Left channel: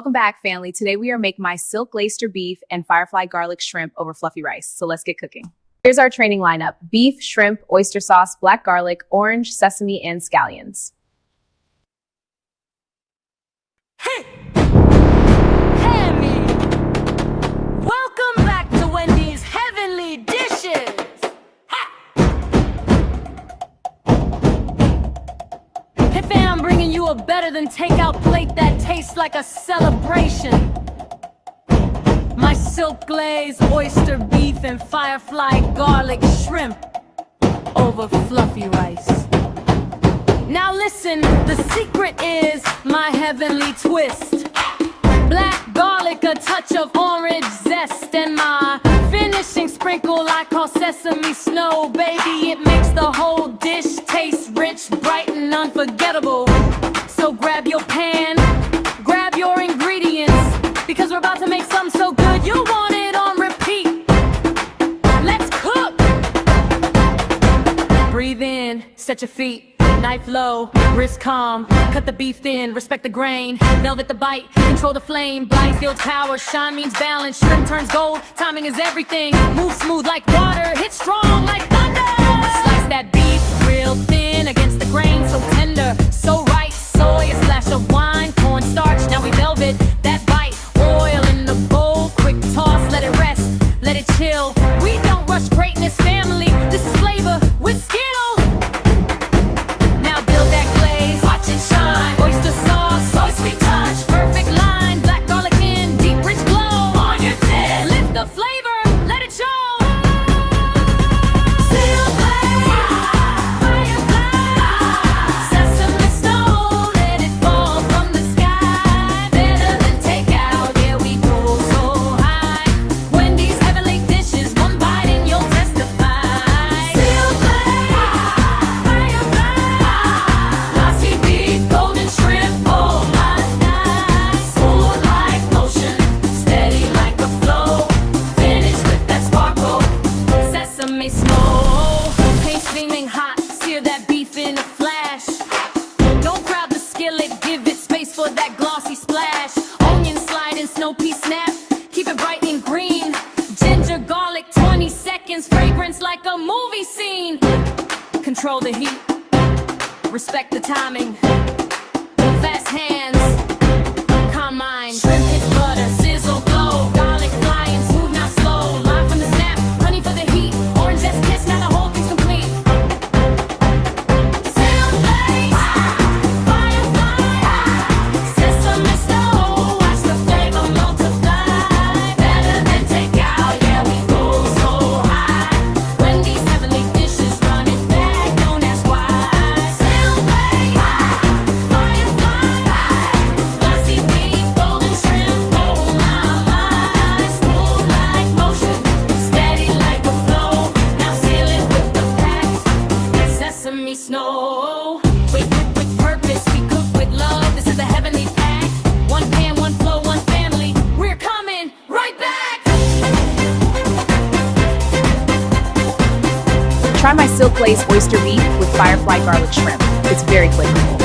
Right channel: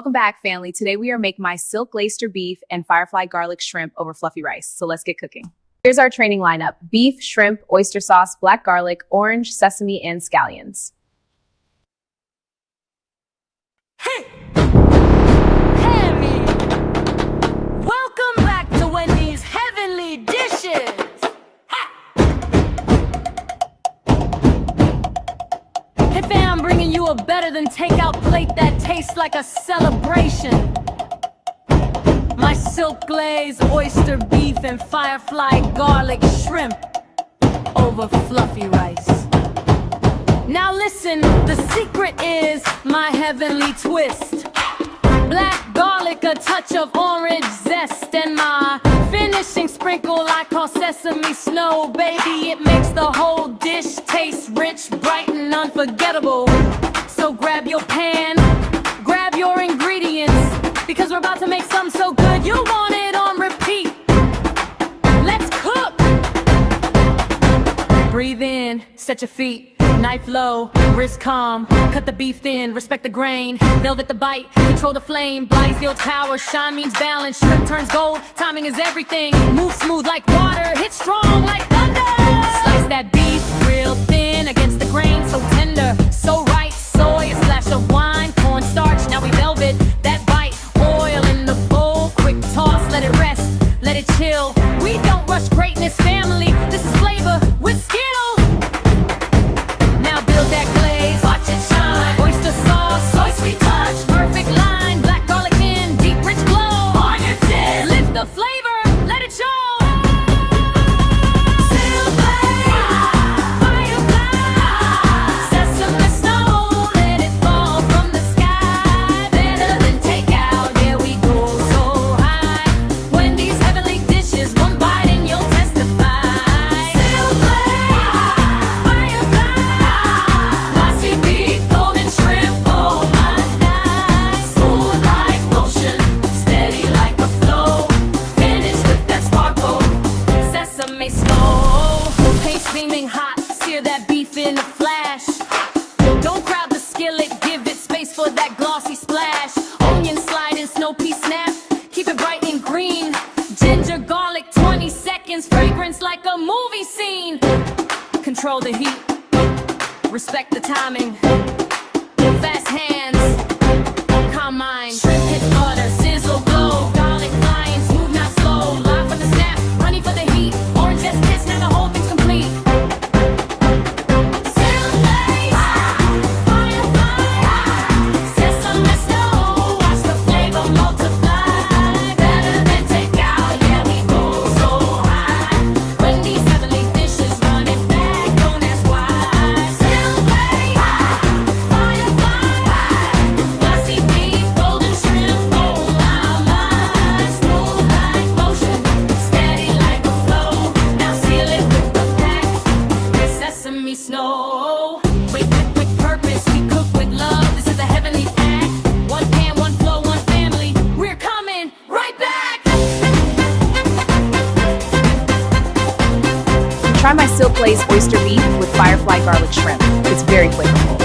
Welcome back, family. Today we are making my Silk-Glaze Oyster beef and Firefly garlic shrimp over fluffy rice. So let's get cooking. Here's our training lineup: beef, shrimp, oyster sauce, black garlic, orange, sesame, and scallions. Hey! Hammy! Welcome back to Wendy's Heavenly Dishes! Hey fam, I'm bringing you a better than takeout plate that tastes like a celebration. My Silk-Glaze Oyster beef and Firefly garlic shrimp over fluffy rice. Now listen, the secret is my heavenly twist. Black garlic, a touch of orange zest, and my finishing sprinkle I call sesame snow. Baby, it makes the whole dish taste rich, bright, and unforgettable. So grab your pan, grab your ingredients, because we're about to make something so good you'll want it on repeat. Let's cook! Breathe in, set your feet. Knife low, wrist calm, cut the beef thin, respect the grain, velvet the bite, control the flame, Blythe builds power, shine means balance, shrimp turns gold, timing is everything, move smooth like water, hit strong like thunder. Slice that beef real thin against the grain, so tender, so right, soy, a splash of wine, cornstarch, now we velvet that bite, oil in the bowl, quick toss, let it rest, let it chill. We don't rush greatness, family, this is flavor with skill. Now build that glaze, watch it shine. Oyster sauce, soy sweet touch. Perfect line, black garlic in, deep rich glow. On your dip, lift the flavor, let it show. Silk-Glaze, Firefly, sesame snow, let it fall from the sky. Better than takeout, yeah we go so high. Wendy's heavenly dishes, one bite and you'll testify. Steaming hot, sear that beef in a flash. Don't crowd the skillet, give it space for that glossy splash. Onion slide and snow pea snap, keep it bright and green. Ginger garlic, 20 seconds, fragrance like a movie scene. Control the heat, respect the timing. Fast hands, calm mind. Shrimp hits butter, sizzle, glow. Garlic flying, smooth, not slow. Live from the snap, honey for the heat. Orange zest kiss, now the whole thing's complete. Sesame snow, with purpose, we cook with love. This is the heavenly pack. One pan, one flow, one family. We're coming right back. Try my Silk-Glaze Oyster beef with Firefly garlic shrimp. It's very flavorful.